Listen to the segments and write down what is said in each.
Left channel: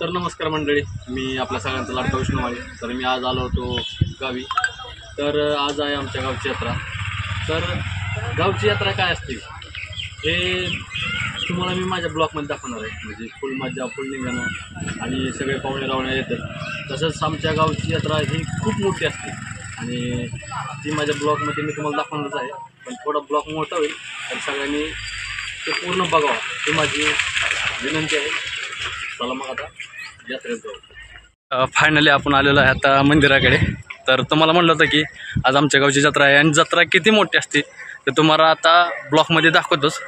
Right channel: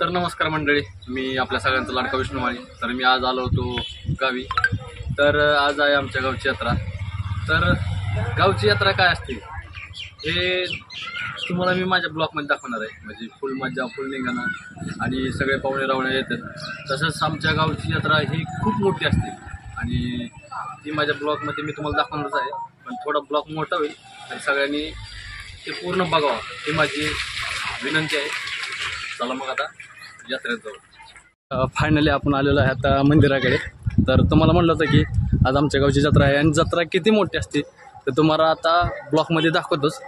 तर नमस्कार मंडळी, मी आपल्या सगळ्यांचा लाडका विष्णू माळी. तर मी आज आलो होतो गावी. तर आज आहे आमच्या गावची यात्रा. तर गावची यात्रा काय असते हे तुम्हाला मी माझ्या ब्लॉगमध्ये दाखवणार आहे. म्हणजे फुल मजा, फुल निघणं आणि सगळे पाहुणे रावणे येतात. तसंच आमच्या गावची यात्रा ही खूप मोठी असते आणि ती माझ्या ब्लॉगमध्ये मी तुम्हाला दाखवणारच आहे. पण थोडा ब्लॉग मोठा होईल, तर सगळ्यांनी ते पूर्ण बघावं ही माझी विनंती आहे. चला मग आता यात्रेत जाऊ. फायनली आपण आलेलो आहे आता मंदिराकडे. तर तुम्हाला म्हटलं होतं की आज आमच्या गावची जत्रा आहे आणि जत्रा किती मोठी असते ते तुम्हाला आता ब्लॉगमध्ये दाखवतोच.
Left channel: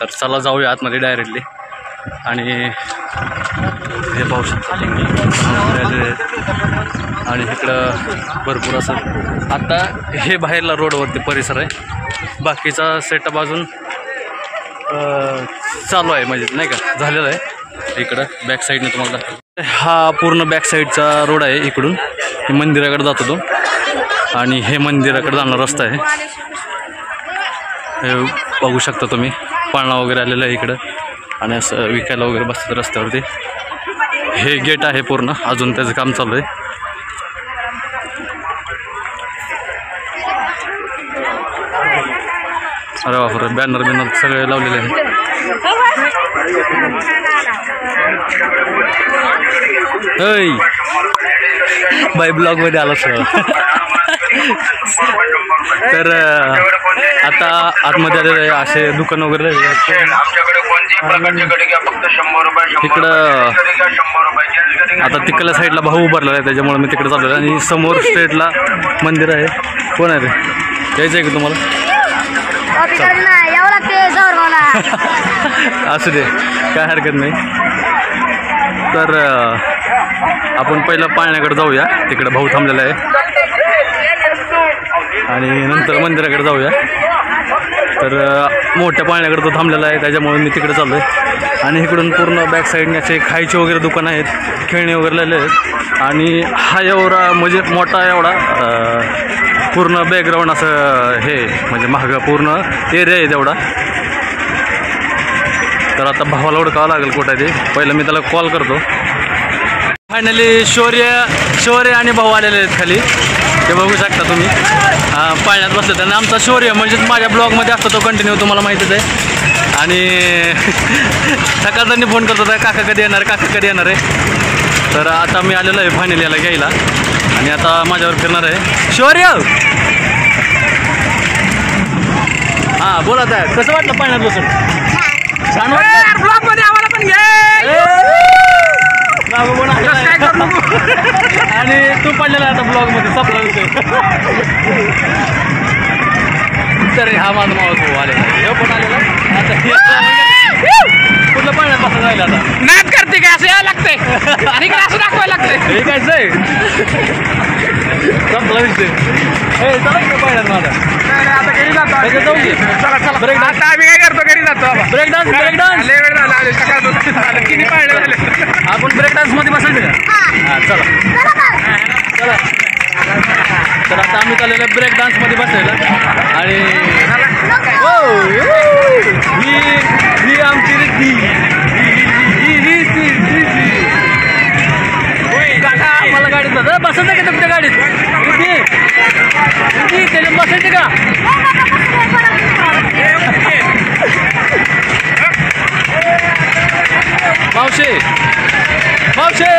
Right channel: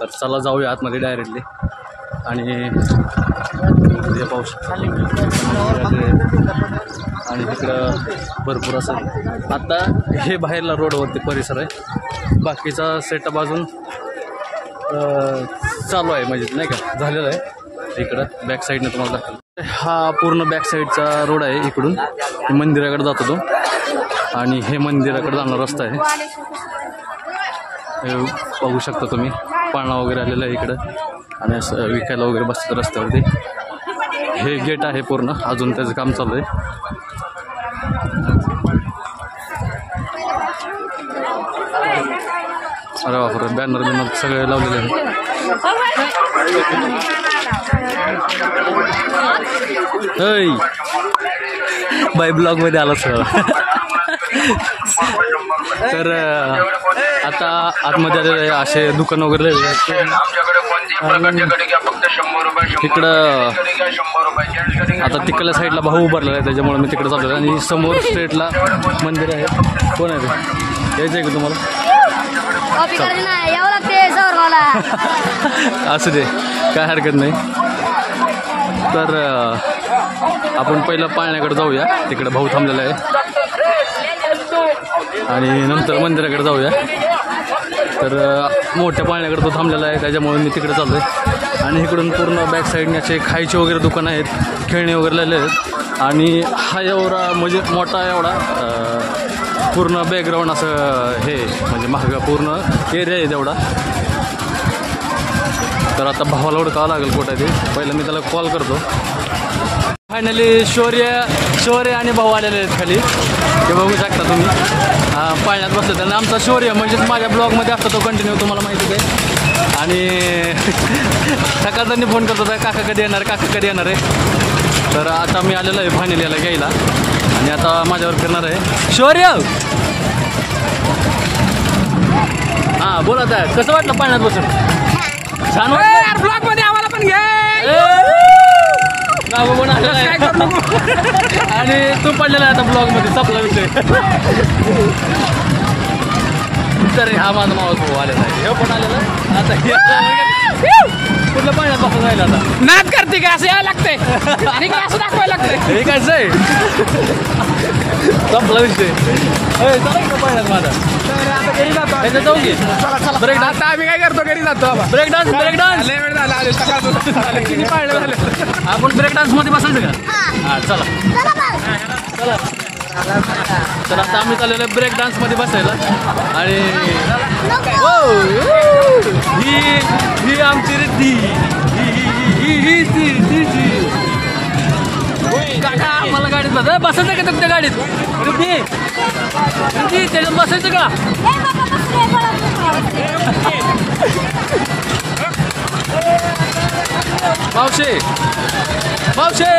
तर चला जाऊया आतमध्ये डायरेक्टली. आणि हे पाहू शकता आणि इकडं भरपूर असं आता हे बाहेरला रोडवरती परिसर आहे. बाकीचा सेटअप अजून चालू आहे, म्हणजे नाही का झालेलं आहे. इकडं बॅक साईडने तुम्हाला दाखवतो. हा पूर्ण बॅक साईडचा रोड आहे. इकडून हे मंदिराकडे जातो तो आणि हे मंदिराकडे जाणारा रस्ता आहे. हे बघू शकता तुम्ही, पाळणा वगैरे आलेला आहे इकडं आणि असं विकायला वगैरे बसतात रस्त्यावरती. हे गेट आहे पूर्ण, अजून त्याचं काम चालू आहे. अरे बापरे, बॅनर बिनर सगळे लावलेले आहे. होय बाय ब्लॉग मध्ये आला सगळं. तर आता आतमध्ये आलेलं आहे. असे दुकान वगैरे तिकडं आता तिकडल्या साईडला भाऊ उभारलेला आहे, त्याच्यामुळे मी तिकडे चाललेलो आहे. आणि समोर स्ट्रेटला मंदिर आहे. कोण आहे रे, यायचं आहे का तुम्हाला? असू दे, काय हरकत नाही. तर आपण पहिलं पाळण्याकडे जाऊया, तिकडे भाऊ थांबलेला आहे. आणि नंतर मंदिराकडे जाऊया. तर मोठ्या पाळण्याकडे तो थांबलेला आहे, त्याच्यामुळे मी तिकडे चाललो आहे. आणि इकडून पूर्ण बॅक साईडने असे खायचे वगैरे दुकानं आहेत, खेळणे वगैरे लावले आहेत. आणि हा एवढा म्हणजे मोठा एवढा पूर्ण बॅकग्राऊंड असं हे म्हणजे महाग पूर्ण एरिया आहे तेवढा. तर आता भावाला ओळखावं लागेल कुठं आहे ते. पहिलं मी त्याला कॉल करतो. फायनली शौर्य आणि भाऊ आलेले आहेत खाली, ते बघू शकता तुम्ही. पाळण्यात बसले आणि आमचा शौर्य म्हणजेच माझ्या ब्लॉगमध्ये असतो तो कंटिन्यू, तुम्हाला माहितीच आहे. आणि सकाळ त्यांनी फोन करतो होता, काका कधी येणार, काका कधी येणार आहे. तर आता मी आलेलो आहे फायनली याला घ्यायला आणि आता माझ्यावर फिरणार आहे. शौर्य, हां बोला, तर कसं वाटलं पाळण्यात बसून? छान वाटलं. ब्लॉगमध्ये आम्हाला पण घ्या. बाबा पण आलेला आहे आणि तू पडलेला आहे आता ब्लॉगमध्ये, संपला विषय. तर हा माझा मावस भाऊ आलेला आहे, हे पण आलेला आहे. आता कुठलं पाण्यात बसून राहिलं आता नाट करते काय, असं यावं लागतंय आणि असं दाखवायला लागतंय. हे कायच आहे, संपला विषय. हे चला इकडं पाण्यात माझा त्याच्यात जाऊ की ब्रेक डान्स. आम्ही काय करतो, घरी जातो ब्रेक डान्स. ब्रेक डान्स आपण ब्रेक डान्स मध्ये बसायचं का? हां चला चला. तर आता आम्ही चाललेलो आहे ब्रेक डान्स मध्ये बसायला. आणि ही आमची रिद्धी, काका मला गाडीत बसायचं का तुमच्या गाडीत? रिद्धी रिद्धी त्याच्यात बसायचं का? मावशे मावशे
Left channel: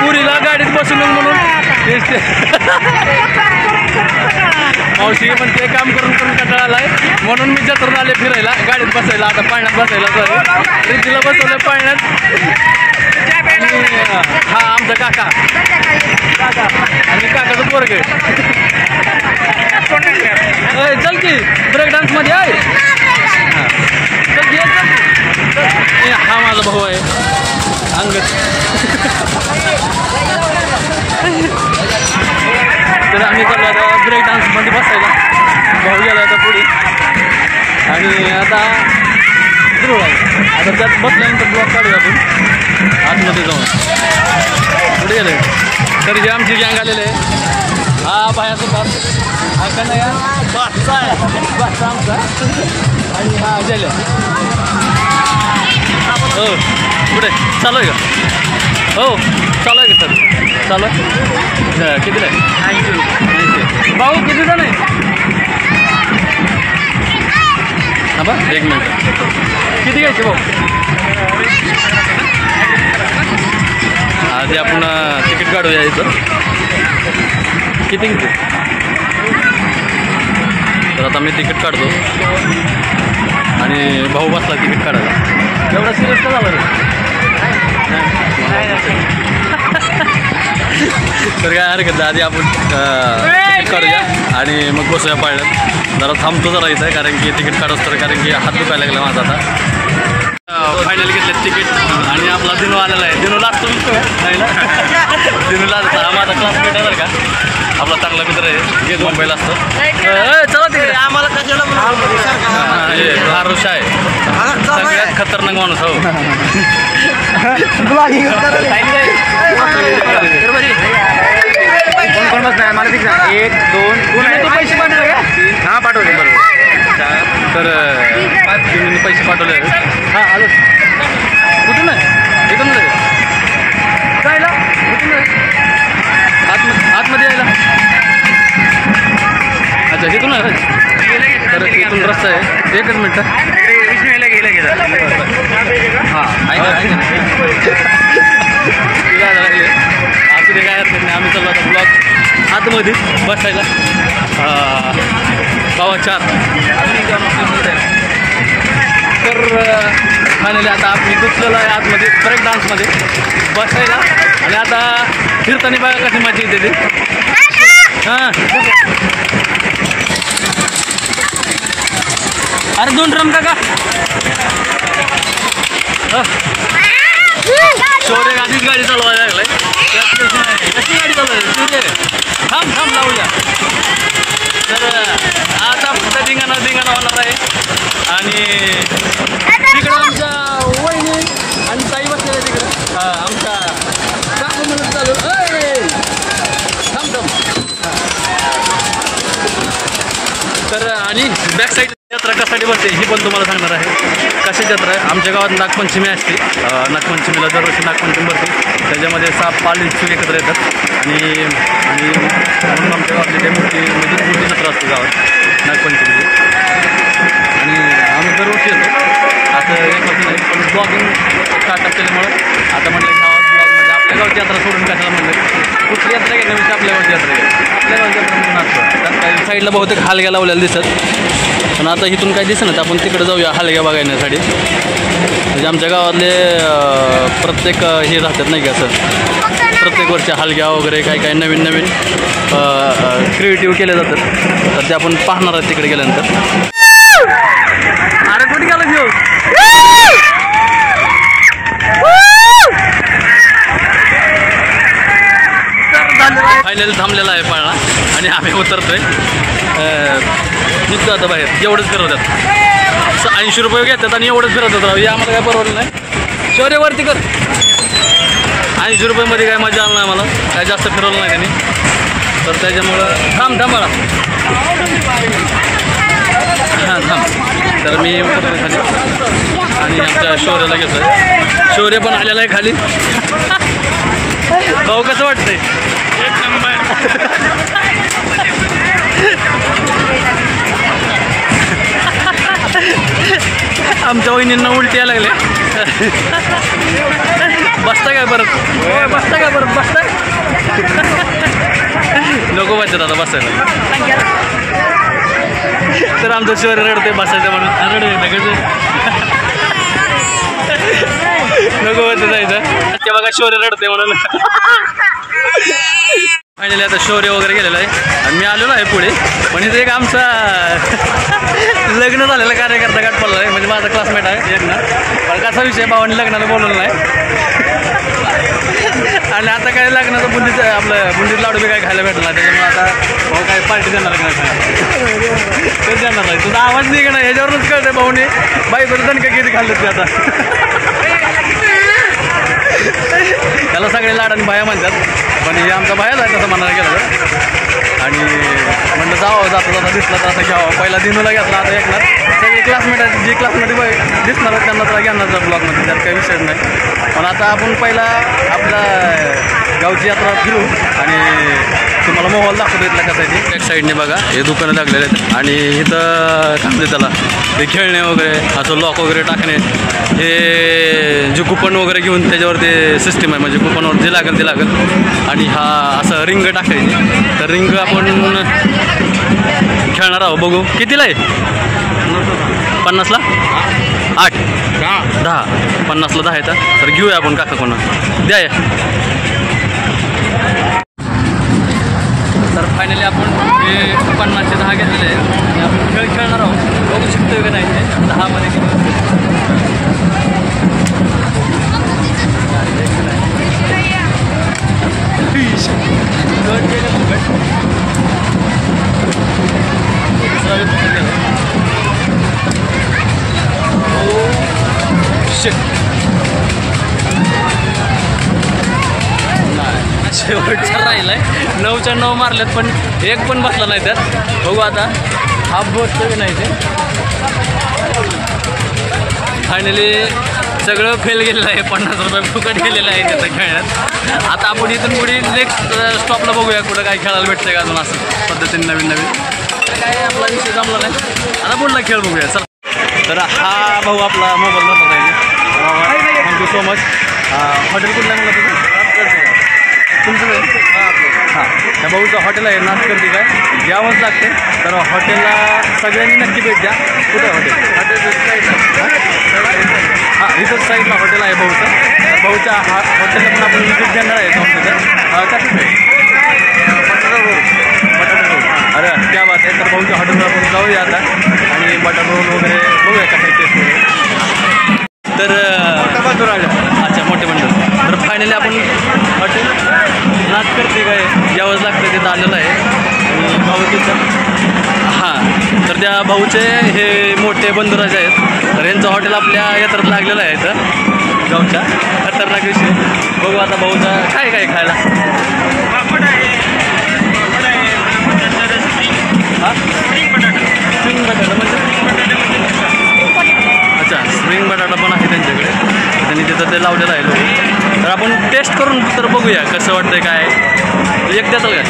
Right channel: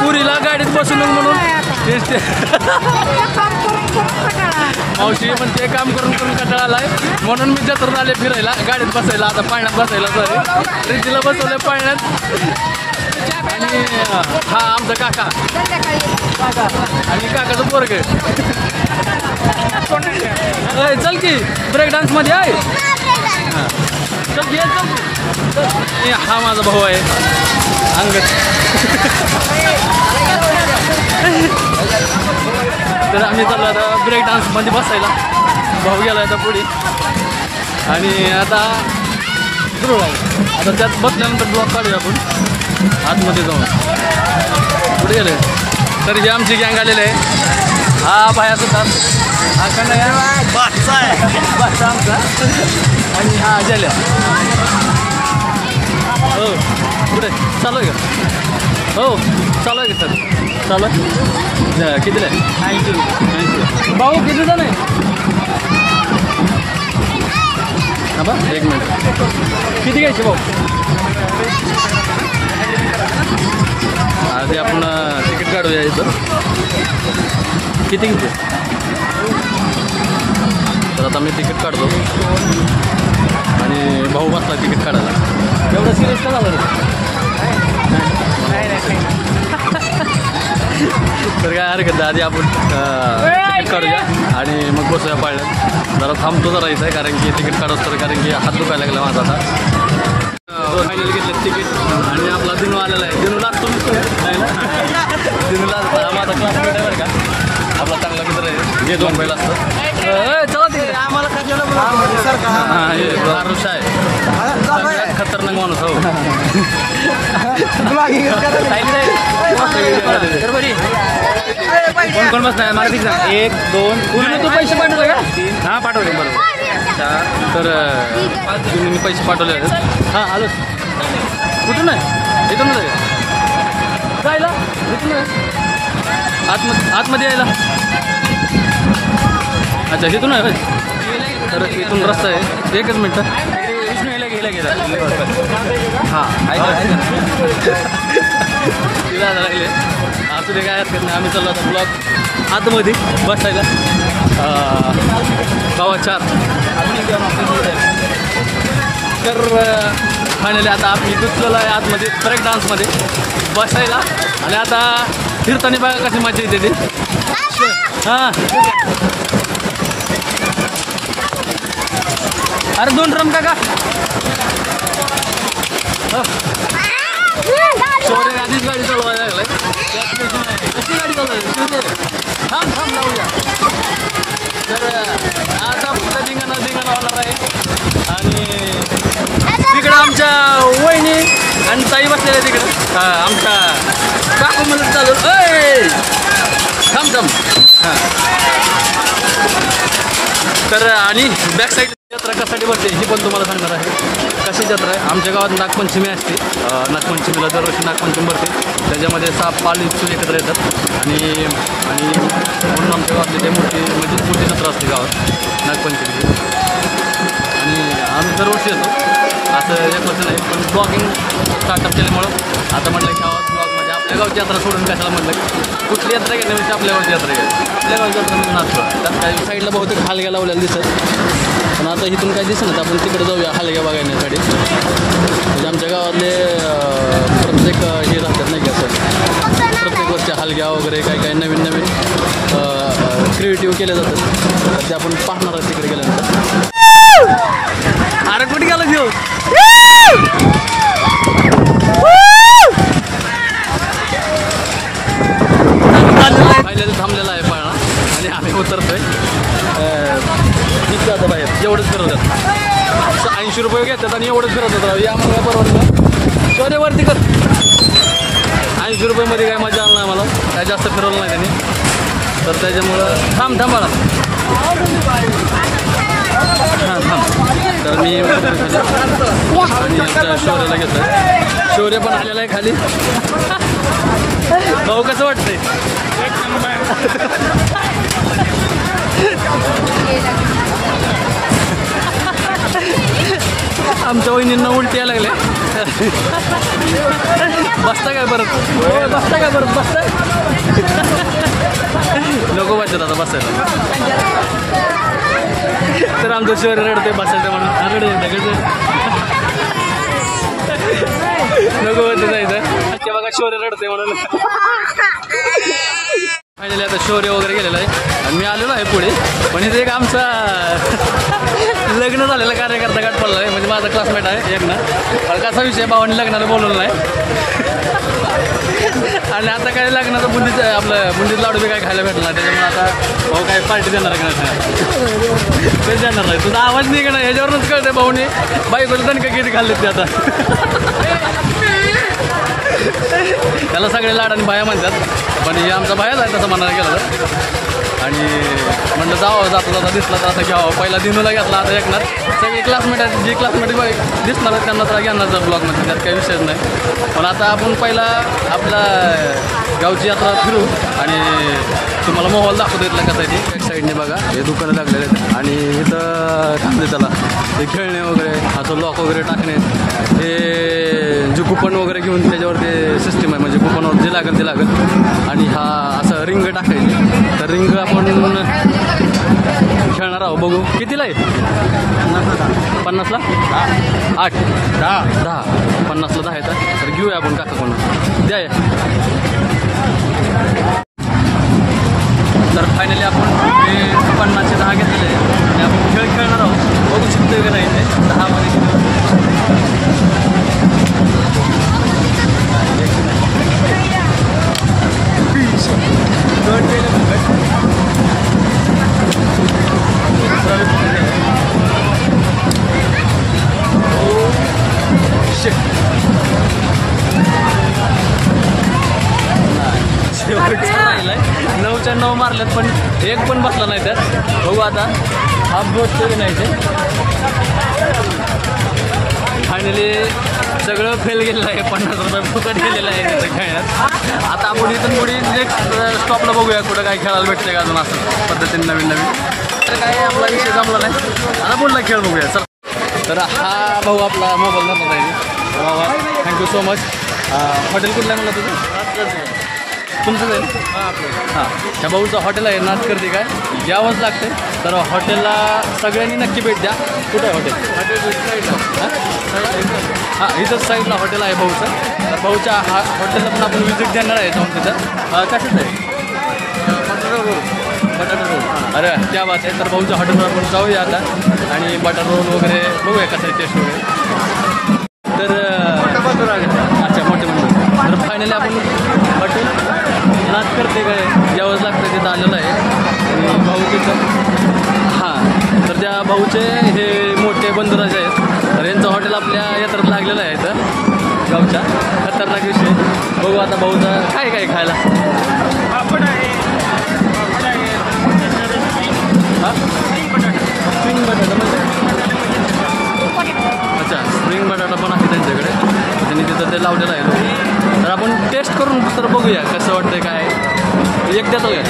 पुरीला गाडीत बसून म्हणून मावशी पण ते काम करून करून कंटाळा आलाय, म्हणून मी जत्रेत आले फिरायला, गाडीत बसायला. आता पाण्यात बसायला सॉरी रिद्धीला बसवलं पाण्यात. आणि हा आमचा काका आणि काकाचं पोरग. चल की ब्रेक डान्स मध्ये आहे. हा माझा भाऊ आहे अंगद. तर आम्ही चाललो आता ब्रेक डान्समध्ये बसायला. भाऊ गेला आता पुढे आणि आता सुरू आहे. आता त्यात बसल्यानंतर ब्लॉक काढूया आपण आतमध्ये जाऊन. पुढे गेले तर जे आमची गँग आलेले आहे. हा बाया सुद्धा, हा कन्हैया बादशाह आमचा आणि हा गेल्या. हो कुठे चालू आहे का? हो चालू आहे का सर? चालू कितीला आहे? 80. भाऊ किती जण आहे? हा बा 1 मिनिट. किती घ्यायचे भाऊ? आधी आपण तिकीट काढूया इथं. किती किती? तर आता मी तिकीट काढतो आणि भाऊ बसला तिकीट काढायला. एवढा सिरियस का झालं रे? तर काय हरकत नाही, आधी आपण तिकीट काढूया आणि मग बसूया पाळण्यात. जरा थांबतो जरा इथं कारण की तिकीट काढत तर कारण की हात दुखायला लागला माझा आता. फायनल घेतले तिकीट आणि आपला दिनू आलेला आहे. दिनू लागतो नाही ना? दिनूला माझा क्लासमेट आहे बरं का, आपला चांगला मित्र आहे, मुंबईला असतो. चला तिकडे आम्हाला आरुष आहे सगळ्यात खतरनाक माणूस. हो नाही 1 2 तू पैसे पाठवले का? हां पाठवले बरोबर. तर तुम्ही पैसे पाठवले हां आलो. कुठून आहे? इथून आहे जायला? कुठून आहे? आतमध्ये यायला? अच्छा तिथून आहे. तर इथून रस्ता आहे. 1 मिनटं विष्णू यायला गेला हां जायला लागले. असू दे काय हरकत नाही. आम्ही चाललो आता ब्लॉक आतमध्ये बसायला 4:15. तर फायनली आता आपण दुसऱ्याला आहे आतमध्ये ब्रेक डान्समध्ये बसायला. आणि आता फिरताना बघा कशी मजा येते ती. हां अरे 2 ड्रम का शौर्य आधीच गाडी चालवायला लागलाय. कशी गाडी चालवायची? थांब लावूया. तर आता फक्त धिंगाणा होणार आहे. आणि तिकडं आमच्या वहिनी आणि ताई बसलेल्या तिकडे. आमच्या काकू मला चालू थांब. तर आणि बॅक साईड यात्रा कशासाठी भरते ही पण तुम्हाला सांगणार आहे. कशी यात्रा आहे? आमच्या गावात नागपंचमी असते. नागपंचमीला दरवर्षी नागपंचमी भरते. त्याच्यामध्ये 7 पालीचे एकत्र येतात आणि म्हणून आमच्या गावातली ते मोठी जत्रा असते गावात नागपंचमीची. आणि आम्ही दरवर्षी येतो. असं 1 वर्ष नाही, पण ब्लॉगिंग स्टार्टअप केल्यामुळं आता म्हटलं गावात ब्लॉगमध्ये आपल्या गावची यात्रा सोडून कशाला म्हटलं कुठली यात्रा घेण्यापेक्षा आपल्या गावची यात्रा घ्या. आपल्या गावची यात्रा म्हणजे नाचतो. त्यात काही साईडला बहुतेक हालग्या लावलेला दिसत, पण आता इथून काही दिसत नाही. आपण तिकडे जाऊया हालग्या बघण्यासाठी. म्हणजे आमच्या गावातले प्रत्येक हे राहतात नाही का, असं प्रत्येक वर्षी हालग्या वगैरे काही नवीन क्रिएटिव्ह केले जातात. तर ते आपण पाहणार आहे तिकडे गेल्यानंतर. अरे कुठे गेला घेऊ? फायनली थांबलेला आहे पाळणा आणि आम्ही उतरतोय. निघतो आता बाहेर. एवढंच फिरवतात. 80 रुपये घेतात आणि एवढंच फिरवतात. राव या आम्हाला काय परवडलं नाही. शौर्यवरती कर. 80 रुपयेमध्ये काय मजा आला नाही मला. काय जास्त फिरवलं नाही त्यांनी. तर त्याच्यामुळं थांब बाळा. हां थांब. तर मी उतरतो खाली आणि आमच्या शौर्याला घेतो. शौर्य पण आलेला आहे खाली. भाऊ कसं वाटतंय? 1 नंबर. आमच्या वहिनींना उलटी यायला लागले. बसता काय परत? बसता काय परत? बसताय नको बसत आता बसायला. तर आमचं शौर्य रडते बसायचं म्हणून. रडत कसं नको होतं जायचं. ते बघा शौर्य रडते म्हणून. फायनली आता शौर्य वगैरे गेलेलं आहे आणि मी आलेलो आहे पुढे. पण इथे एक आमचा लग्न झालेला कार्यकर्ता गाठ पडला आहे. म्हणजे माझा क्लासमेट आहे एकना. पण कसा विषय भावाने लग्नाला बोलवलं नाही. आणि आता काय लग्नाचं बुंदीत लाडू बी काय खायला भेटला नाही. त्याच्यामुळे आता भाऊ काय पार्टी देणार का नाही? तेच देणार नाही. तुझा आवाज नाही का नाही ह्याच्यावरूनच कळतंय भाऊने बाईकडे दणका किती खाल्लं ते आता. त्याला सगळे लाड आणि बाया म्हणतात, पण हे आमचा बायाच आहे तसं म्हणायला गेलं तर. आणि म्हटलं जावं जाता दिसला तर आता घ्यावं. पहिला दिनूला घेतला, आता ऐकणार सगळे क्लासमेट आहेत, जी क्लासमध्ये दिसणार आहेत त्यांना तर घेणार ब्लॉगमध्ये, त्यात काही विषयच नाही. पण आता आपण पहिला आपला गावची यात्रा फिरू आणि तुम्हाला मोबाईल दाखवतो इथला कसा आहे ते. एक साईडने बघा हे दुकानं लागलेले आहेत आणि इथं काय म्हणते त्याला ते खेळणे वगैरे असं लॉक वगैरे टाकणे, हे जे कुपन वगैरे घेऊन त्याच्यावर ते सिस्टीम आहे, म्हणजे कुपनवर जे लागेल ते लागेल. आणि हा असं रिंग टाकायची, तर रिंग आपण खेळणार आहोत. बघू कितीला आहे? 50ला 8 10 50ला 10 येतात. तर घेऊया आपण काका कोणा द्या या. तर फायनली आपण हे 50चे 10 घेतलेले आहे आणि आपण खेळ खेळणार आहोत. बघू शकतोय का नाही ते 10मध्ये किती होते. गट केले फुकट, दुसरा फुकट केला. ओ शिट, राहिलाय 9च्या 9 मारल्यात पण एक पण बसला नाही त्यात. बघू आता हा बसतो की नाही ते. फायनली सगळं फेल गेलेलं आहे, 50 रुपये फुकट गेलेलं आहे त्याचं खेळण्यात. आता आपण इथून पुढे नेक्स्ट स्टॉपला बघूया कुठं काय खेळायला भेटतंय का अजून असं पद्धतीने नवीन तर काय आपला विषय जमला नाही. आता पुढला खेळ बघूया चला. तर हा भाऊ आपला मोबाईल नंबर पाहिजे. Thank you so much. हॉटेल कुठलं आहे मला तुझं? तुमचं हां, ह्या भाऊचं हॉटेल आहे नाटकर्ती काय यावंच लागते. तर हॉटेलला सगळ्यांनी नक्की भेट द्या. कुठं हॉटेल? हां, इथंच साईडला हॉटेल आहे भाऊचं. तर भाऊच्या हॉटेलला पण आपण विजिट देणार आहे जाऊन तिथं. कसं आहे बटाटा रोल? अरे क्या बात आहे. तर भाऊच्या हॉटेलला आपण जाऊया आता आणि बटाटा रोल वगैरे बघूया कसं टेस्ट वगैरे. तर अच्छा मोठे मंडळ. तर फायनली आपण हॉटेल नाटकर्ती काय यावंच लागतं तिथं आलेलं आहे. आणि भाऊ तिथं हां, तर त्या भाऊचे हे मोठे बंधुराज आहेत. तर यांचं हॉटेल आपल्या यात्रात लागलेलं आहे इथं गावच्या. खतरनाक विषय. बघू आता भाऊचा काय काय खायला. हां, स्प्रिंग बटाटा म्हणजे अच्छा स्प्रिंग बटाटा पण आहे त्यांच्याकडे. त्यांनी तिथं ते लावलेलं आहे लोक. तर आपण टेस्ट करून तर बघूया कसं वाटतंय काय. एक देताल काय?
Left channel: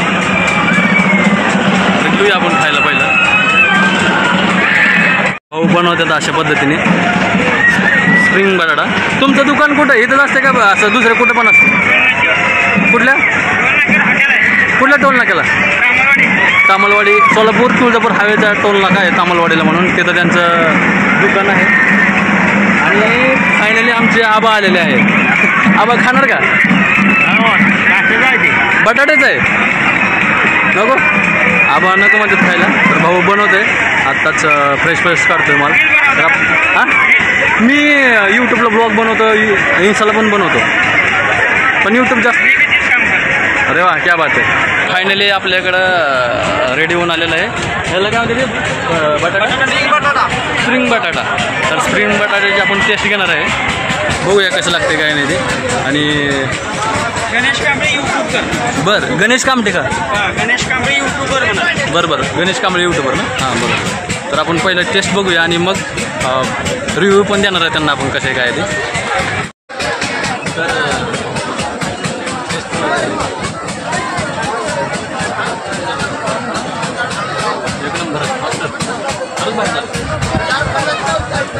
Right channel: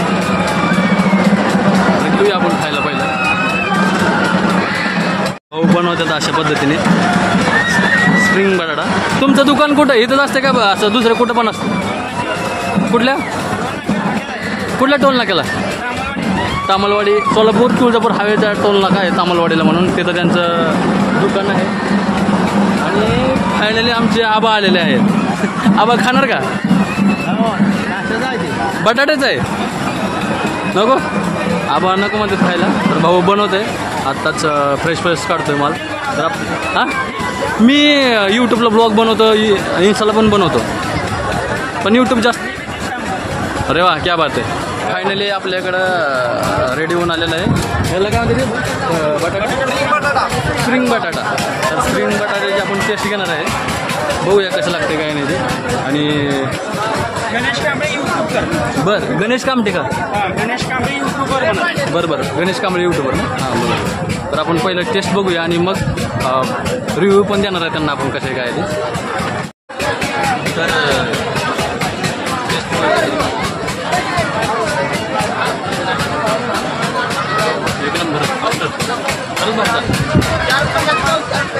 तर घेऊया आपण खायला पहिला. हो बनवतात अशा पद्धतीने स्प्रिंग बटाटा. तुमचं दुकान कुठं इथंच असते का असं दुसरं कुठं पण असतं? कुठल्या टोल नाक्याला? तामलवाडी, सोलापूर तुळजापूर हायवेचा टोल नाका आहे तामलवाडीला म्हणून. तिथं त्यांचं दुकान आहे. आणि फायनली आमचे आबा आलेले आहेत. आबा खाणार का? बटाटेच आहे नको? आबा नको म्हणतात खायला. तर भाऊ बनवतोय आत्ताच फ्रेश काढतोय माल. तर हां, मी यूट्यूबला ब्लॉग बनवतो, इन्स्टाला पण बनवतो, पण यूट्यूब जास्त. अरे वा क्या बात आहे. फायनली आपल्याकडं रेडी होऊन आलेलं आहे. याला काय म्हणते बटाटा स्प्रिंग बटाटा. तर स्प्रिंग बटाट्याची आपण टेस्ट घेणार आहे. बघूया कसं लागते काय नाही ते. आणि गणेश कांबळे यूट्यूबर. बरं गणेश कामटे का? गणेश कांबळे यूट्यूबर. बरं गणेश कांबळे यूट्यूबर ना. हां बरोबर. तर आपण पहिलं टेस्ट बघूया आणि मग रिव्ह्यू पण देणार आहे त्यांना आपण कसे काय ते. तर टेस्ट एक नंबर मास्टर खरंच भाजतात.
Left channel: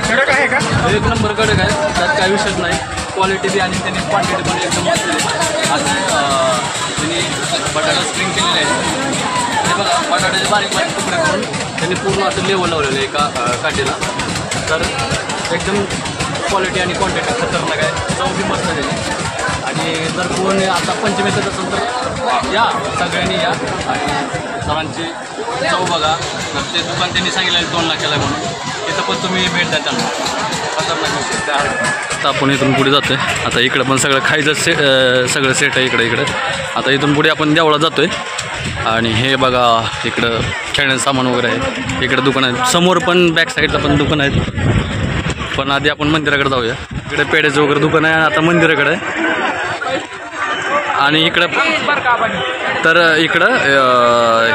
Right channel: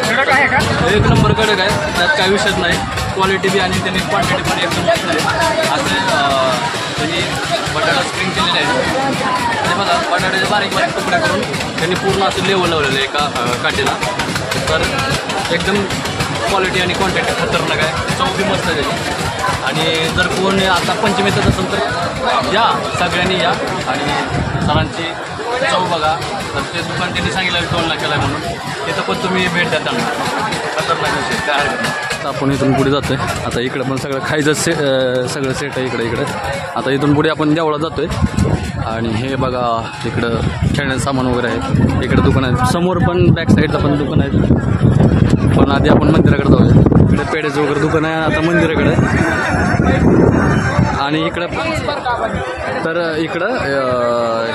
कडक आहे का? एक नंबर कडक आहे, त्यात काय विषयच नाही. क्वालिटी बी आणि त्यांनी क्वांटिटी पण एकदम मस्त आहे. असे त्यांनी बटाटा स्प्रिंग केलेले आहे. हे बघा बटाट्याचे बारीक तुकडे करून त्यांनी पूर्ण असं लेवल लावलेलं आहे एका काठीला. तर एकदम क्वालिटी आणि क्वांटिटी खतरनाक आहे. चव बी मस्त आहे त्याची. आणि जर कोण आता पंचमीतच असेल तर या सगळ्यांनी या आणि सरांची चव बघा. तर ते दुकान त्यांनी सांगितलं 2 लाखाला आहे म्हणून. तिथं पण तुम्ही भेट द्या त्यांना. खतरनाक विषय काय आता आपण इथून पुढे जातो आहे. आता इकडं पण सगळं खायचं सगळं सेट आहे इकडे. आता इथून पुढे आपण देवळात जातो आहे. आणि हे बघा इकडं खेळण्याचं सामान वगैरे आहे. इकडं दुकान आहे, समोर पण बॅक साईडला पण दुकान आहेत. पण आधी आपण मंदिराकडे जाऊया. इकडे पेढ्याचं वगैरे दुकान आहे. आता मंदिराकडे आणि इकडं तर इकडं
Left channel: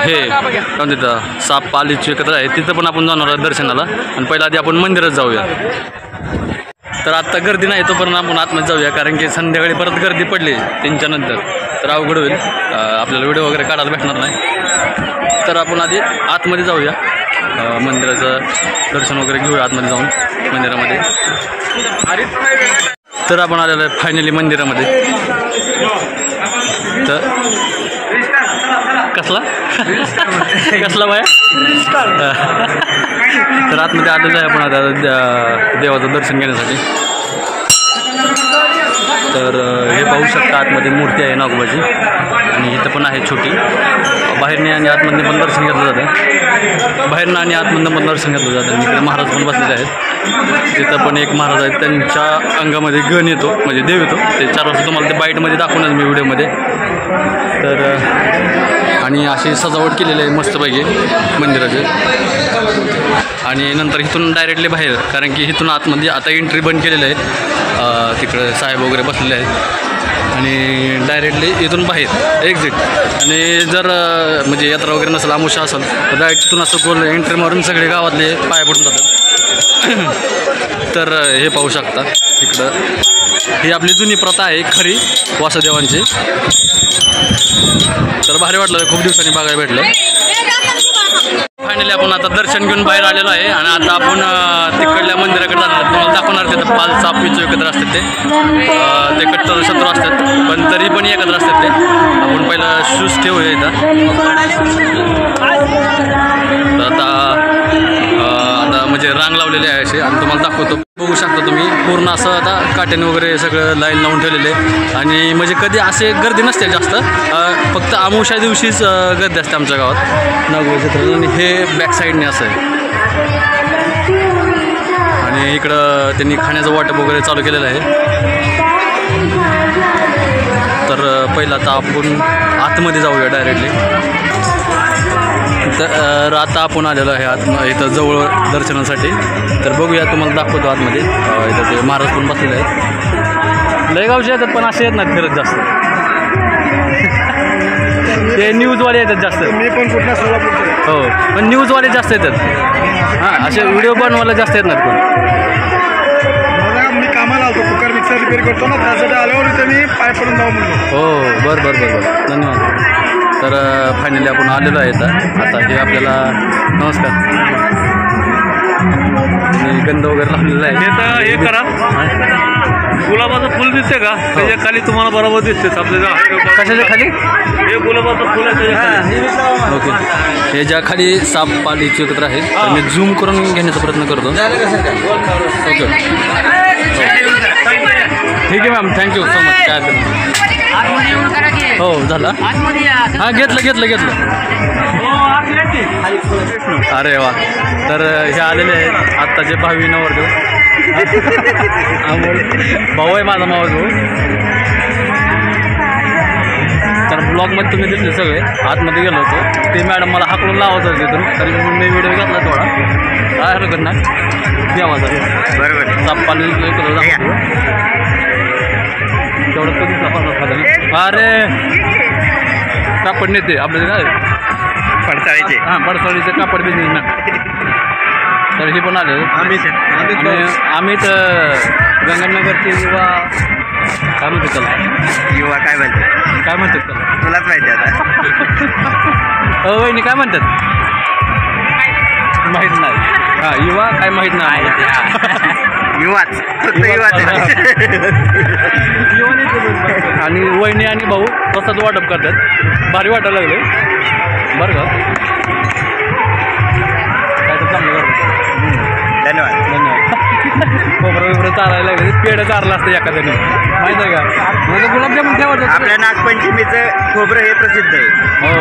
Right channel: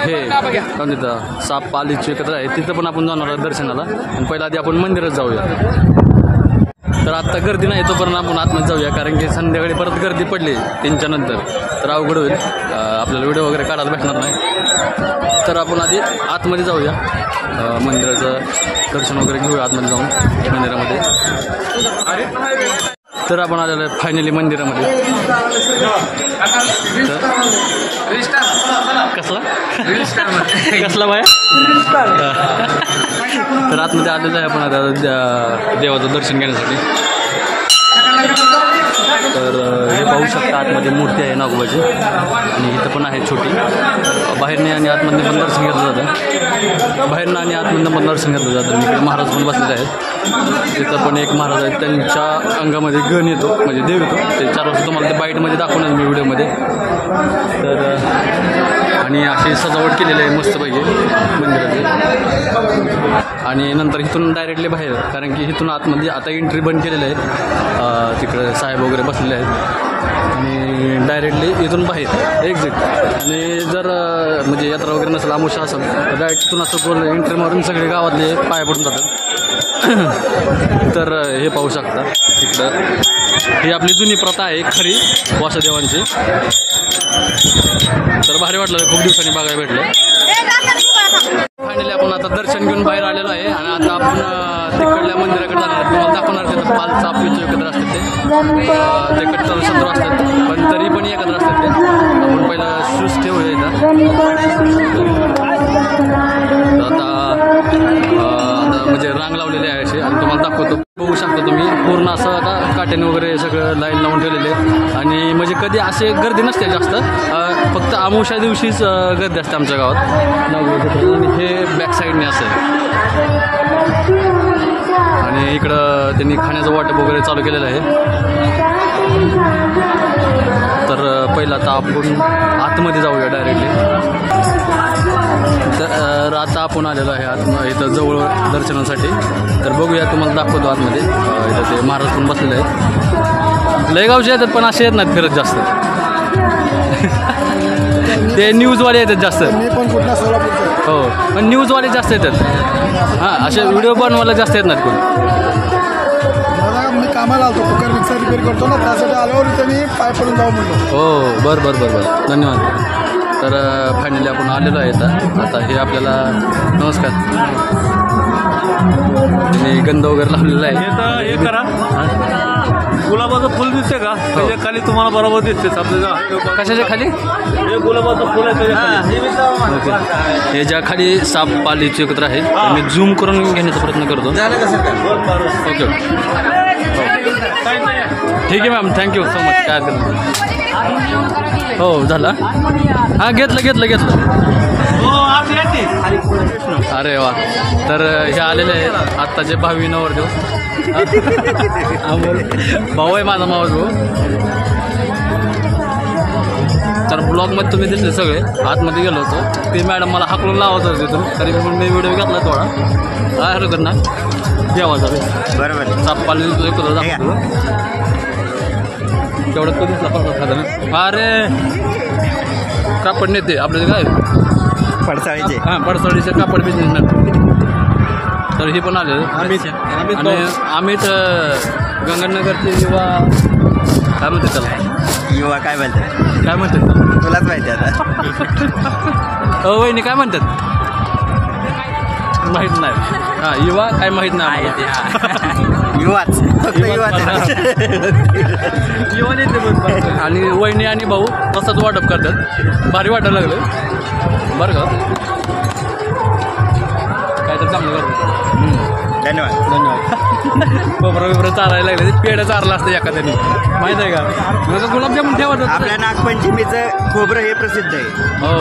हे काय म्हणतात साप पालीची एकत्र आहे तिथं पण आपण जाणार आहोत दर्शनाला. आणि पहिला आधी आपण मंदिरात जाऊया. तर आत्ता गर्दी नाही तोपर्यंत आपण आतमध्ये जाऊया कारण की संध्याकाळी परत गर्दी पडली 3च्या नंतर तर अवघड होईल, आपल्याला व्हिडिओ वगैरे काढायला भेटणार नाही. तर आपण आधी आतमध्ये जाऊया, मंदिराचं दर्शन वगैरे घेऊया आतमध्ये जाऊन मंदिरामध्ये. तर आपण आलेलो आहे फायनली मंदिरामध्ये. तर कसला कसला बाया तर आतमध्ये आलेलं आहे आपण आता देवाचं दर्शन घेण्यासाठी. तर हे पाहू शकता आतमध्ये मूर्ती आहे नागोबाची आणि इथं पण आहे छोटी. बाहेरने आणि आतमधून पण दर्शन घेतलं जातं, बाहेरनं आणि आतमधून पण दर्शन घेतलं जातं. इकडे महाराज पण बसलेले आहेत. तिथं पण एक महाराज आहेत, त्यांच्या अंगामध्ये गण येतो म्हणजे देव येतो. ते 4 वाजता तुम्हाला ते बाईटमध्ये दाखवणार मी व्हिडिओमध्ये. तर आणि अशी सजावट केलेली आहे मस्तपैकी मंदिराची. आणि नंतर इथून डायरेक्टली बाहेर कारण की इथून आतमध्ये आता एंट्री बंद केलेलं आहे. तिकडे साहेब वगैरे बसलेले आहेत आणि डायरेक्टली इथून बाहेर एक्झिट. आणि जर म्हणजे यात्रा वगैरे नसेल अमावस्या असेल तर डायरेक्ट तिथून असं गोल एंट्री मारून सगळे गावातले पाया पडून जातात. तर हे पाहू शकता इकडं ही आपली जुनी प्रथा आहे खरी वासुदेवांची. तर भारी वाटलं, खूप दिवसांनी बघायला भेटलं. फायनली आपण आता दर्शन घेऊन बाहेर आलेलो आहे आणि आता आपण तिकडल्या मंदिराकडे जाणार. तुम्हाला दाखवणार तिथं पाल साप पिचू एकत्र असतात ते कट्टर शत्रू असतात पण तरी पण एकत्र असतात ते. आपण पहिला शूज ठेवूया इथं. तर आता म्हणजे रांग लावलेली आहे अशी आणि तुम्हाला दाखवतो. बघू शकता तुम्ही पूर्ण असं आता काट्याने वगैरे सगळं लाईन लावून ठेवलेले आणि म्हणजे कधी असे गर्दी नसते जास्त, फक्त अमावस्या दिवशीच गर्दी असते आमच्या गावात नागोबाच्या. आणि हे बॅक साईडने असं आहे आणि इकडं त्यांनी खाण्याचं वाटप वगैरे चालू केलेलं आहे. तर पहिला आता आपण आतमध्ये जाऊया डायरेक्टली. तर आता आपण आलेलो आहे इथं जवळ दर्शनासाठी. तर बघूया, तुम्हाला दाखवतो आतमध्ये. इथं ते महाराज पण बसलेले आहेत. लयगावचे येतात पण असे येत नाहीत फिरत जास्त. ते न्यूजवाले येतात जास्त. मी पण कुठल्या सोलापूरचा हो पण न्यूजवाले जास्त येतात. हां असे व्हिडिओ बनवायला जास्त येत नाहीत कोण. मला मी कामाला आलो कुकर मिक्सर रिपेअर करतो ना त्यासाठी आल्यावर इथं मी पाय पडून जाऊ म्हणलो. हो बरं धन्यवाद. तर फायनली आपण आलेलो आहे आता हे आपल्याला नमस्कार गंध वगैरे लावलेला आहे. हे करा, गुलाबाचं फुल दिसते का त्याच्या खाली तुम्हाला बरोबर दिसते. कशाच्या खाली? हे गुलाबाचं फुल आहे त्याच्या खाली. ओके, हे ज्या खाली साप पालीचे एकत्र आहे तर मी झूम करून घेण्याचा प्रयत्न करतो. ओके ठीक आहे मॅम, थँक्यू सो मच. काय हो झालं. हां घेतलं. अरे वा. तर हे आलेले आहेत आत्ताचे भावी नवरदेव. भाऊ आहे माझा मावस भाऊ. तर ब्लॉगमध्ये तुम्ही दिसले सगळे. आतमध्ये गेलो होतो ते मॅडम मला हाकलून लावत होते तिथून, तरी पण मी व्हिडिओ घेतला थोडा. काय हरकत ना द्यावा बरोबर. सापपाली तेवढं कधीच खातं ना. अरे कापड नेते आपल्याला काय पडसाळीचे. हां पडसाळीचे कापड बिझनेसमॅन. तर हे पण आले आम्ही तर गंगानगरचे युवा काय म्हणतात त्याला. युवा काय म्हणतात त्याला तुलाच माहिती आता. वहिनी काय म्हणतात माहीत नाही. हां युवा काय माहीत नाही आम्हाला. युवाच आणि वहिनी आणि भाऊ तसंच वाटप करतात. भारी वाटायला लागले बरं का. काय तर चांगलं करतात. धन्यवाद. खोबरं चालायला लागले. पेढं चारलं असतं एखाद्याने माहीत आहे का. माझं गुलाबजामुन ठेवत आपल्या नागपंचमीचं खोबरं हे प्रसिद्ध आहे. हो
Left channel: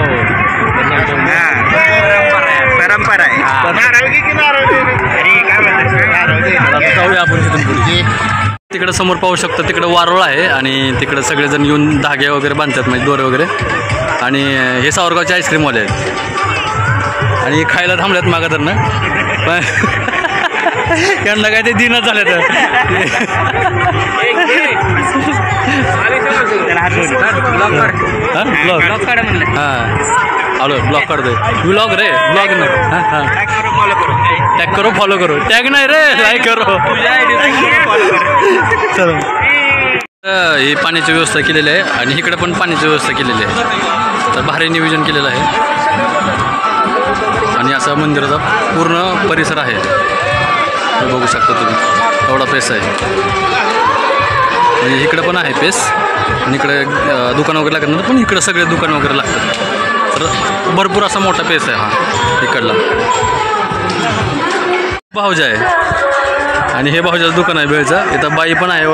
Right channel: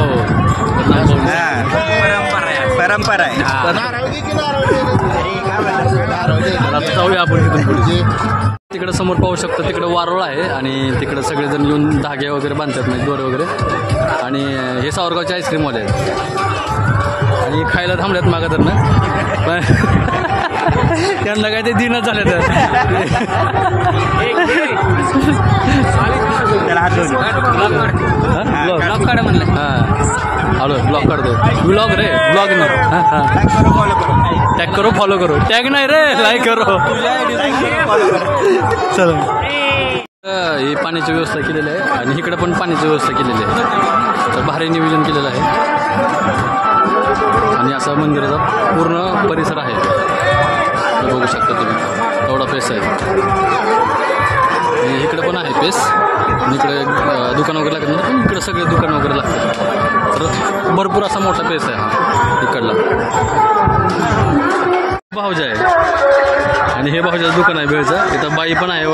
परंपरा आहे. आता जाऊया आपण तिथून पुढे. तिकडं समोर पाहू शकतो तिकडं वारुळ आहे आणि तिकडं सगळेजण येऊन धागे वगैरे बांधतात म्हणजे दोरे वगैरे. आणि हे सावरगावचे आईस्क्रीमवाले आहेत आणि खायला थांबल्यात मागं तर ना पण यांना काय ते दिनच झाले तर. ब्लॉग काढा म्हणलं. हां आलो ब्लॉग काढतोय ब्लॉग रे ब्लॉग नाही हां हां टॅग करो फॉलो करो टॅग नाही रे लाईक करो चलो. ही पाण्याची व्यवस्था केलेली आहे आणि इकडे पण पाण्याची व्यवस्था केलेली आहे. तर भारी नियोजन केलेलं आहे आणि असा मंदिराचा पूर्ण परिसर आहे. हे बघू शकता तुम्ही एवढा पेस आहे आणि इकडे पण आहे पेस आणि इकडे दुकान वगैरे लागणार पण इकडे सगळे दुकान वगैरे लागतात. तर भरपूर असा मोठा पेस आहे हा इकडला. भाऊजा आहे आणि हे भाऊजाचं दुकान आहे बेळचं. इथं बाई पण आहे.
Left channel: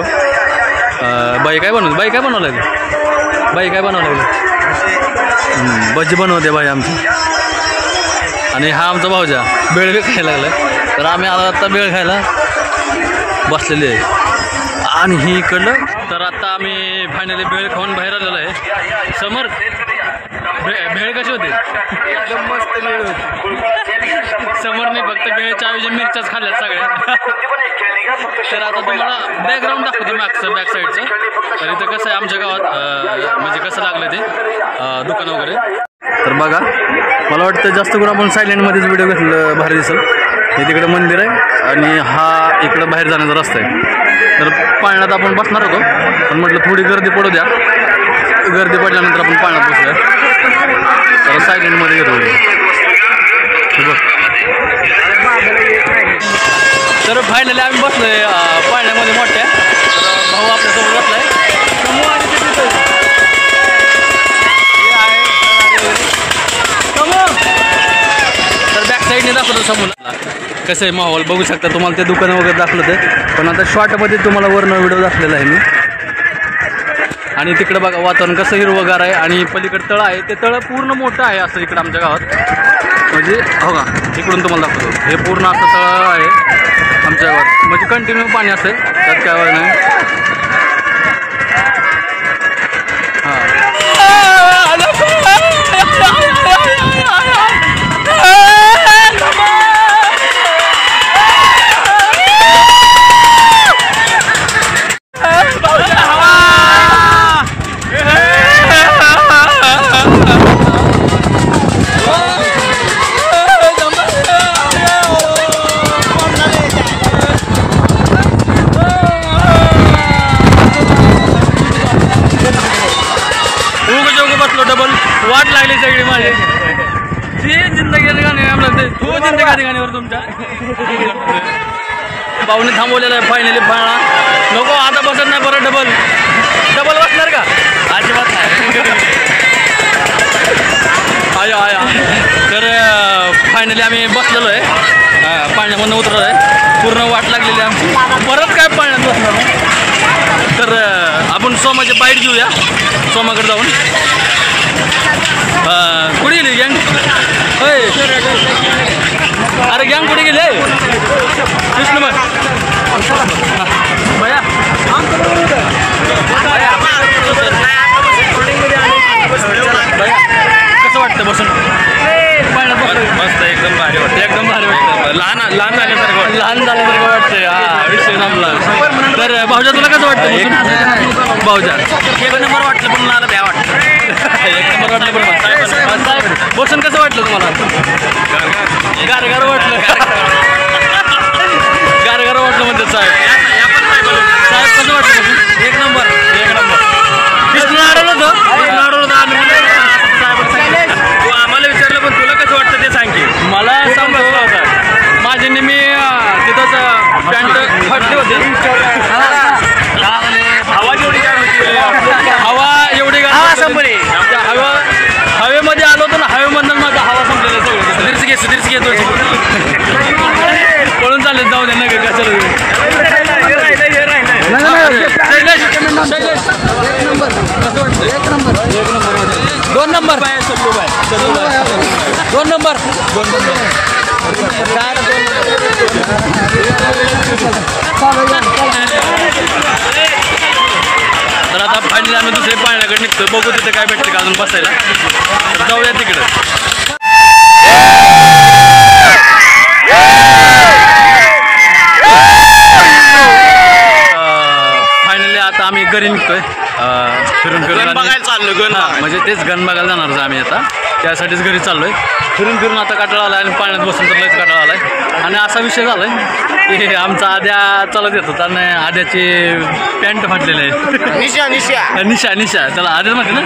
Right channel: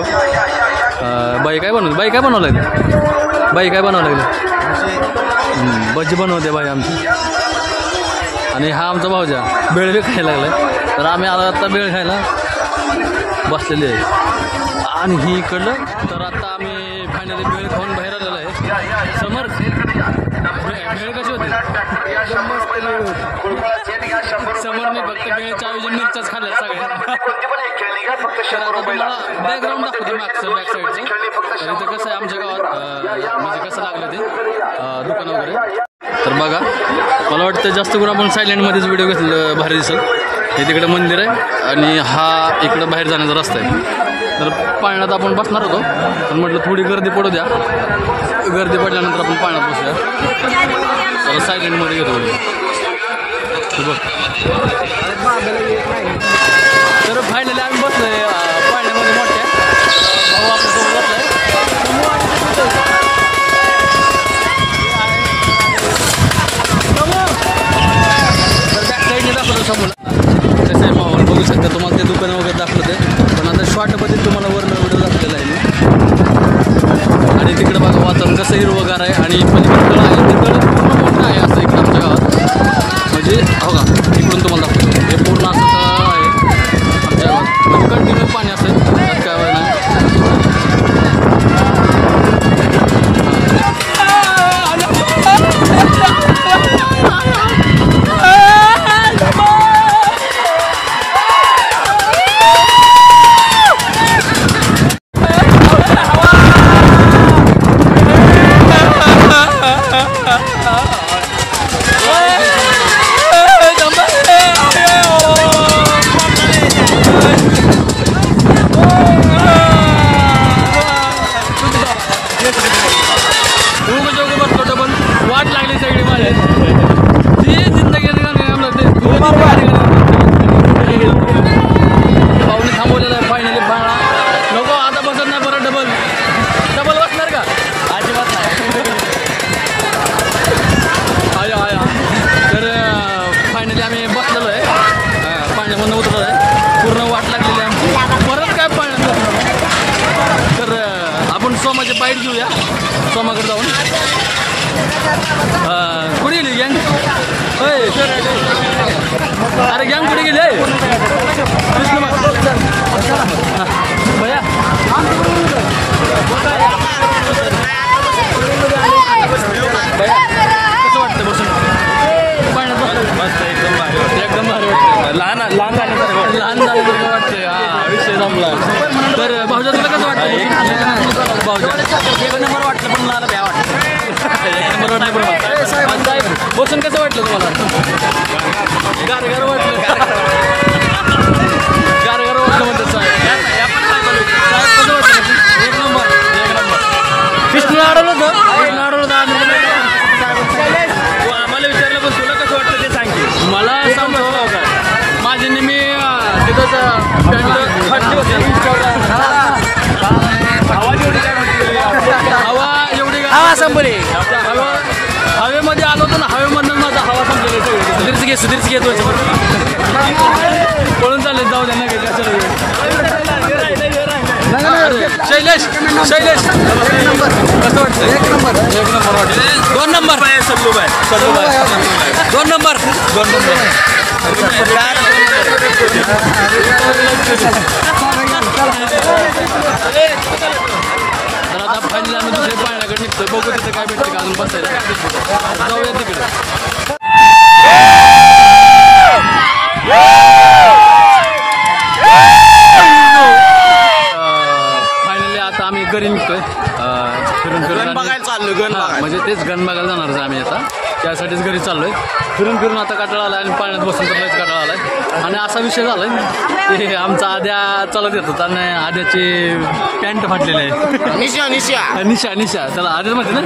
बाई काय बनवते बाई काय बनवलं आहे बाई काय बनवलं भजी बनवते बाई आमची. आणि हा आमचा भाऊजा बेळ बी खायला लागला आहे. तर आम्ही आता बेळ खायला बसलेले आहे आणि ही इकडलं. तर आता आम्ही फायनली भेळ खाऊन बाहेर आलेलो आहे. समर भेळ कशी होती समरने फक्त भेळच्या ऐवजी मिरच्याच खाल्ल्यात सगळ्या. तर आता तुम्हाला बॅकग्राऊंड दाखवतो मागचं बॅक साईडचं. तर इथं कसं आहे आमच्या गावात म्हणजे कसं लागलं ते दुकान वगैरे. तर बघा मला वाटतं जास्त करून आपण सायलेंटमध्येच व्हिडिओ घेतलं भारी दिसेल. हे तिकडं मंदिर आहे आणि हा इकडं बाहेर जाण्याचा रस्ता आहे. तर पाळण्यात आपण बसणार होतो पण म्हटलं थोडी गर्दी पडू द्या. गर्दी पडल्यानंतर आपण पाळण्यात बसूया. तर सायलेंटमध्ये घेतो बघ. तर फायनली आम्ही बसलोय पाळण्यामध्ये मोठ्या. भाऊ आपल्यासोबत बसलाय. तर बॅक साईडने दाखवतो समोरला कसं आहे माहोल बघू शकता. तुम्हाला ते दुकानं वगैरे दाखवलं ते पण आता शॉर्टमध्ये तुम्हाला वरनं व्हिडिओ दाखवलेला आहे मी. आणि तिकडं बघा वातावरण कसं हिरवगार आहे आणि पलीकडे तळं आहे. ते तळं पूर्ण मोठं आहे असं इकडं आमच्या गावात. म्हणजे हो का इकडून तुम्हाला दाखवतो हे पूर्ण असं तळं आहे आमच्या गावात. म्हणजे कंटिन्यू पाणी असतं त्यात काय वेळ नाही. डबल वाट लागली सगळी माझी. जी जिंदगी गाणी लागते तू जिंदगी गाणीवर तुमच्या भाऊने थांबवलेलं आहे. फायनली फाळा नको आता बसत नाही परत डबल डबल बसणार का अजिबात नाही. आया आया. तर फायनली आम्ही बसलेलो आहे पाण्यामधून उतरलो आहे. पूर्ण वाट लागलेली आमची परत काय पाण्यात बसणार. तर आपण सोमाची बाईट घेऊया सोमाकडे जाऊन. कुठे गेली गँग अरे गँग कुठे गेली कृष्ण मग भया कसं वाटतं बसून मस्त एकदम भारी वाटतं एकदम भारी वाटतं. लहान झाल्यासारखं वाटतंय. हा विषय जमला. तर भाऊजा तुला कसं वाटतं भाऊजा एक नंबर वाटलं पण मला भ्या वाटतं. एक नंबर वाटलं पण साहेब बसून कसं वाटलं तुम्हाला गारगार वाटलं गारगार वाटलं म्हणतात साहेब. साहेब कसं वाटलं बसून एक नंबर कृष्ण अडवलं होतं तू आम्हाला विचारलं पण तुला कसं वाटतं ते सांग की. मला समजलं होतं माझी नेहमी तिथंच पॅन्ट फाटली होती. हवा एवढी हवेमध्ये आलो होतो ना हवेमधून माझा हवा संपलेला सगळं. सुधीरच घेतो पळून चालले जाऊ द्या ना कशाला. शैलेश एक नंबर कसं वाटतं एक नंबर दोन नंबर सल्लू बाय 2 नंबर तर आता फायनली आम्ही दुसरे पाण्याकडे निघतो. बघू तिथे काय भेटते का अजून बसायला. तर जाऊया तिकडं. फायनली आता आम्ही घरी निघतोय फिरून फिरून म्हणजे तेच गण बघायला जाणारच आम्ही आता त्यासाठीच घरी चाललोय फिरून फिरून आता काटाळा आलाय आणि पाण्यात बसून तर लयच काटाळा आलाय आणि असा विषय झालाय की आमचा आद्या चालत येत होता आणि आद्याची पॅन्ट फाटलेली आहे निशा निशा त्याला आद्याच म्हणते ना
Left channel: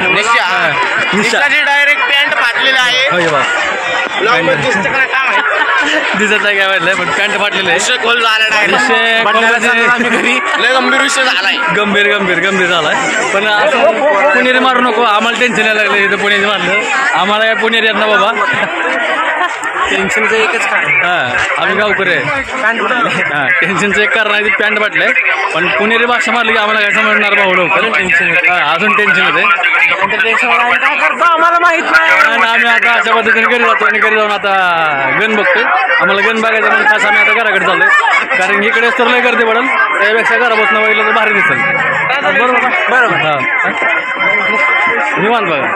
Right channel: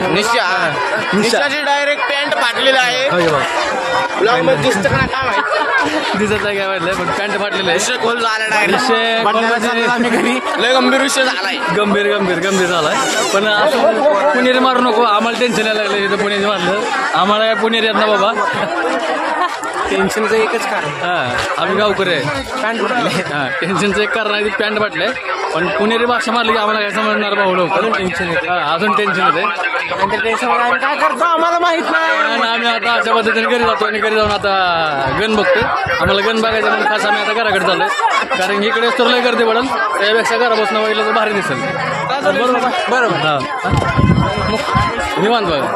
निशा डायरेक्ट पॅन्ट फाटलेली आहे हो बा दिसत नाही काय वाटलंय पण पॅन्ट फाटलेलं आहे गंभीर विषय झालाय गंभीर गंभीर गंभीर झालाय पण असं पुणेरी मारू नको आम्हाला टेन्शन यायला लागलं इथं पुणेरी मारलं आम्हाला काय पुणेरी येत ना बाबा टेन्शनचं एकच कारण हां आम्ही गावकरी आहे हां टेन्शनचं एक कारण आहे ते पॅन्ट फाटलंय पण पुणेरी भाषा मारली की आम्हाला काय समजणार भाऊ लवकर टेन्शन येते अजून टेन्शन येते काय करतो आम्हाला माहित नाही आणि आम्ही आता अशा पद्धतीने घरी जातो आणि घरी जाऊन आता गण बघतोय आम्हाला गण बघायचं म्हणून खास आम्ही आता घराकडे चाललोय कारण इकडे तर लय गर्दी पडेल त्यापेक्षा घरा बसणं बघितलं तर भारी दिसेल बरोबर बरोबर हां निवांत बघा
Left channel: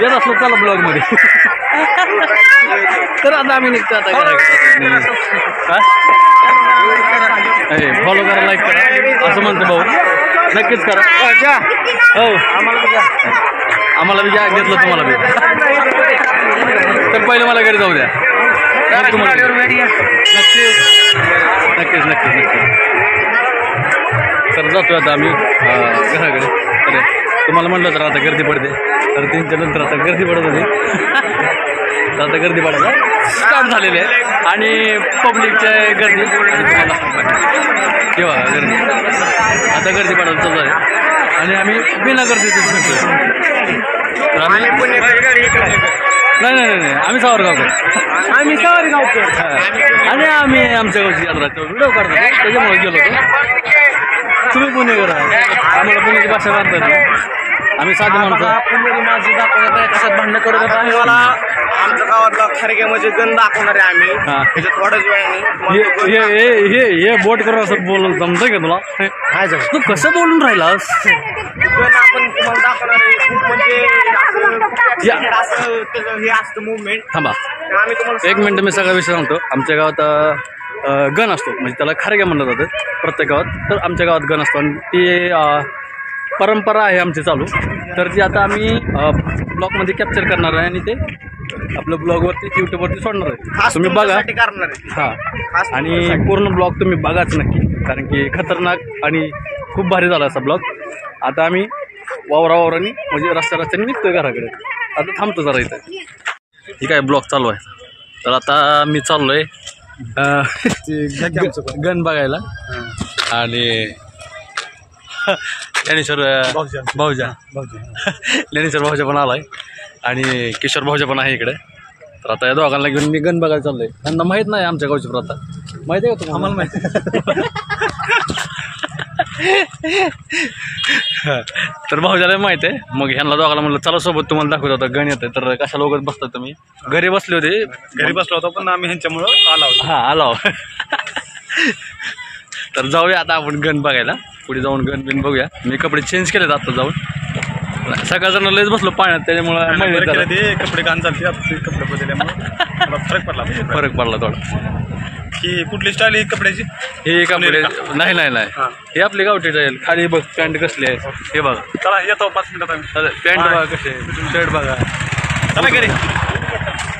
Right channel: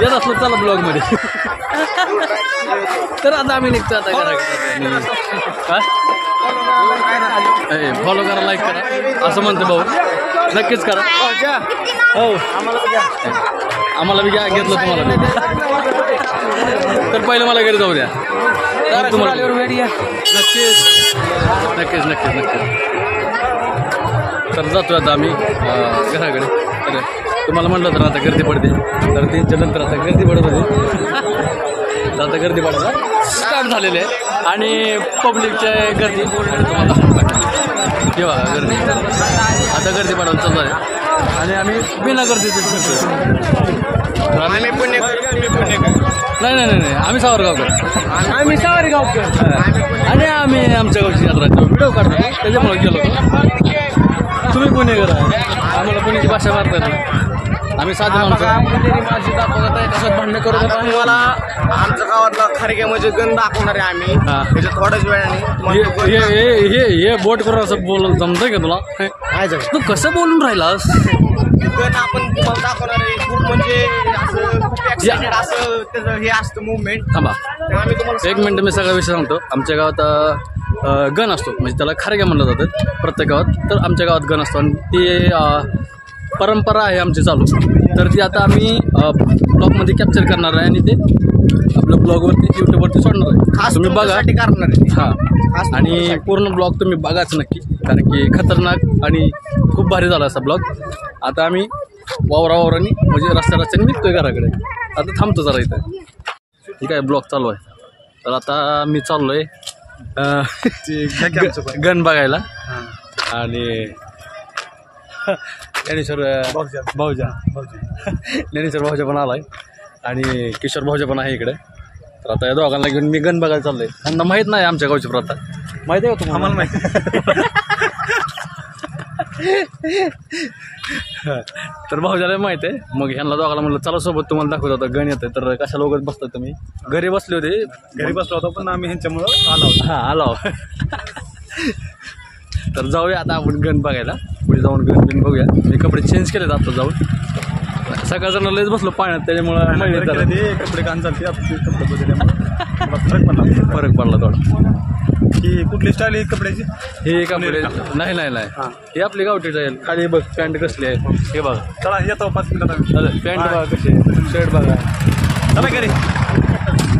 येत असलो चला ब्लॉगमध्ये तर आता आम्ही निघतो आता घराकडे फॉलो करा लाईक करा असं म्हणतो भाऊ नक्कीच करा हो आम्हाला बी घ्या घेतलं तुम्हाला बी तर पहिले मला घरी जाऊ द्या तुम्हाला नक्कीच नक्कीच नक्कीच नक्कीच तर जातो आता आम्ही घराकडे अरे तुम्हाला म्हटलं तर आता गर्दी पडते तर 3च्या नंतर आता गर्दी पडत होती तर आता गर्दी पडायला स्टार्ट झालेली आहे आणि पब्लिकच्या गर्दी किंवा गर्दी आता गर्दी पडायला चालू आहे आणि आम्ही बिना गर्दीतच फिरतोय तर आम्ही नाही नाही नाही आम्ही सावरगावकर आणि आम्ही आमच्या गावची यात्रा व्हिडिओ काढतो त्याच्यामुळे गेलो होतो तुम्ही पुणेकर आहे आम्हाला पुण्याची भाषा मारता येत नाही आम्ही साधे माणसं कशात भांडणं करत होता मला आमच्या गावातला खारगे म्हणजे गण दाखवणार आहे आम्ही त्याच्या थोड्याच वेळाने हे बोट करून असं बोलून जमतं का तुला तू कसं बोलून राहिलास गण आपण तुम्हाला दाखवणार आहे खूप म्हणजे असं हे असतं मुवमेंट थांबा आम्ही तुम्हाला 1 मिनिट मी सगळा विषय सांगतो आमच्या गावात गण असतो म्हणजे त्याला खारग्या म्हणलं जातं प्रत्येक गावात तर आमच्या गावात गण असतो आणि ती परंपरा आहे आमची चालू तर ती आता आम्ही ब्लॉगमध्ये कॅप्चर करणार आहे आणि ते आपलं ब्लॉगवरती यूट्यूबवरती सोडणार आहे तुम्ही बघा करणार आहे हां आणि पूर्ण ब्लॉग तुम्ही बघाच नक्की कारण की खतरनाक आणि खूप भारी झाला असा ब्लॉग आता आम्ही वावरावावरांनी म्हणजे रस्त्याने निघतोय घराकडे आता थांबतो जरा इथं ठीक आहे ब्लॉग चालू आहे तर आता मी चाललो आहे गण बघायला आणि ज्ञानेश्वर भाऊजा ज्ञानेश्वर भाऊजा पण आला आहे आणि किशोर भाऊजा पण आहे इकडे तर आता या दोघांना घेऊन मी गण बघायला चाललो आहे त्यांना माहीत नाही आमच्या गावची प्रथा माहिती आहे का तुम्हाला आम्हाला माहिती तर भाऊजाला माहिती आहे मग ह्यांना दोघांना म्हणलं चला सोबत तुम्हाला दाखवत होता गण येते तर कशा लोकच बसतात तुम्ही घरी बसले होते घरी बसलो होतो पण आम्ही ह्यांच्यामुळं आलो हां आलो तर जाऊया आता आपण गण बघायला पुढे जाऊन गण बिन बघूया मी कपडे चेंज केलेत आता जाऊन सकाळचं लयच बसलो पाण्यात त्याच्यामुळे कपडे घाण चालते आता कपडे बदलल्यामुळे फरक पडला थोडा ही कुठली स्टाईल आहे कपड्याची हे कपडे नाही नाही नाही हे आपली गावठी जाईल खाली बघ पॅन्ट कसली आहे हे बघा चला येतो 5 मिनिटात पॅन्ट बघा कशी आहे शर्ट बघा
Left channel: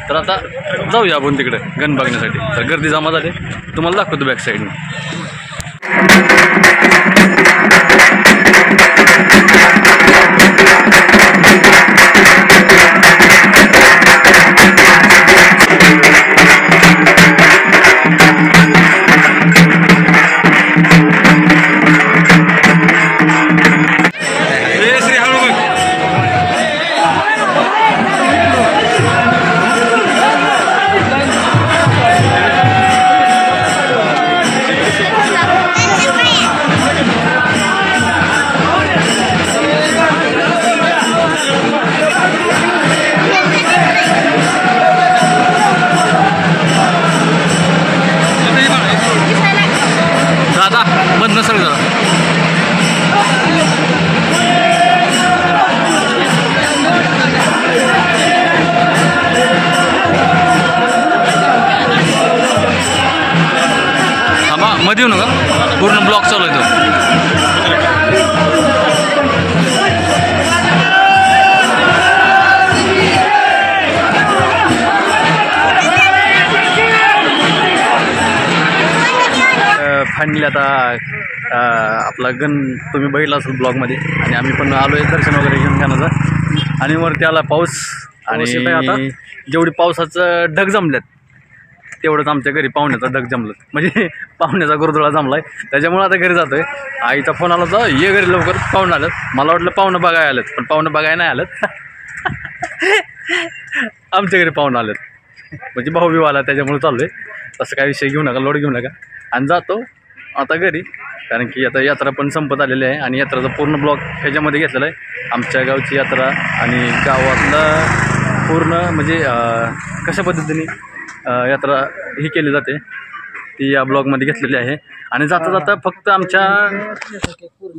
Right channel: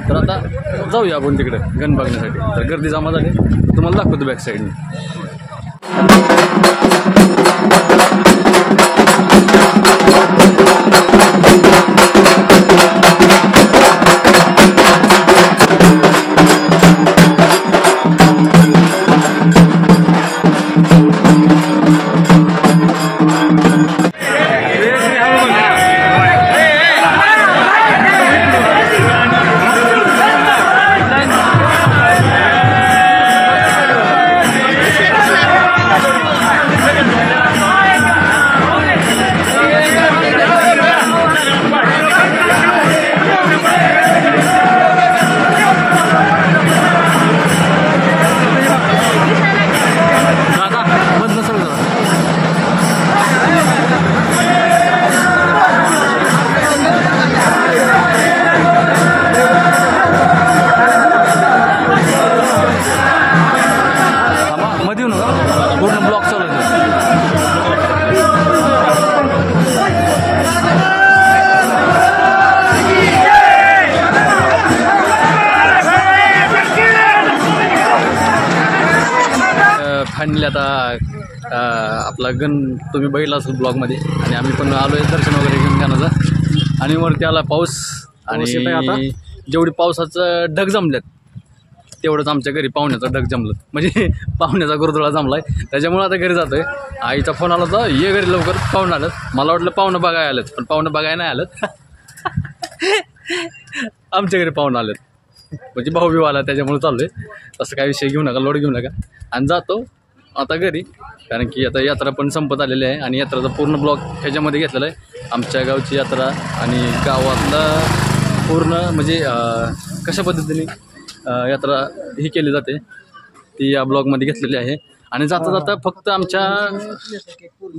तर आता जाऊया आपण तिकडे गण बघण्यासाठी तर गर्दी जमा झाली तुम्हाला दाखवतो बॅक साईडने फायनली आता आपला गण तुम्ही बघितला असेल ब्लॉगमध्ये आणि आम्ही पण आलो आहे दर्शन वगैरे घेऊन गणाचं आणि वरती आला पाऊस आणि जेवढी पावसाचं ढग जमल्यात तेवढंच आमच्या घरी पाहुण्याचा ढग जमलं म्हणजे पाहुण्याचा गुरुदुळा जमलाय त्याच्यामुळे आता घरी जातोय. आईचा फोन आला होता ये घरी लवकर पाहुणं आलं. मला वाटलं पाहुणं बघायला आलं पण पाहुणं बघायला नाही आलं आमच्या घरी पाहुणं आलं म्हणजे भाऊ बिव आला त्याच्यामुळे चालू आहे. तसं काय विषय घेऊ नका लोड घेऊ नका आणि जातो आता घरी कारण की आता यात्रा पण संपत आलेली आहे आणि यात्राचा पूर्ण ब्लॉग ह्याच्यामध्ये घेतलेला आहे. आमच्या गावची यात्रा आणि गावातला पूर्ण म्हणजे कशा पद्धतीने यात्रा ही केली जाते ती या ब्लॉगमध्ये घेतलेली आहे. आणि जाता जाता फक्त आमच्या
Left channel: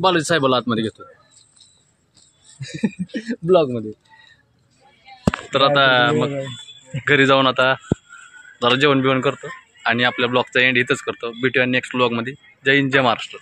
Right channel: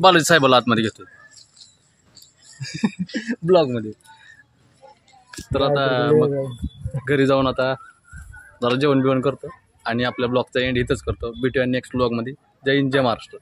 बालाजी साहेबाला आतमध्ये घेतो ब्लॉगमध्ये. तर आता मग घरी जाऊन आता जरा जेवण बिवण करतो आणि आपल्या ब्लॉगचा एंड इथंच करतो. भेटूया नेक्स्ट ब्लॉगमध्ये. जय हिंद जय महाराष्ट्र.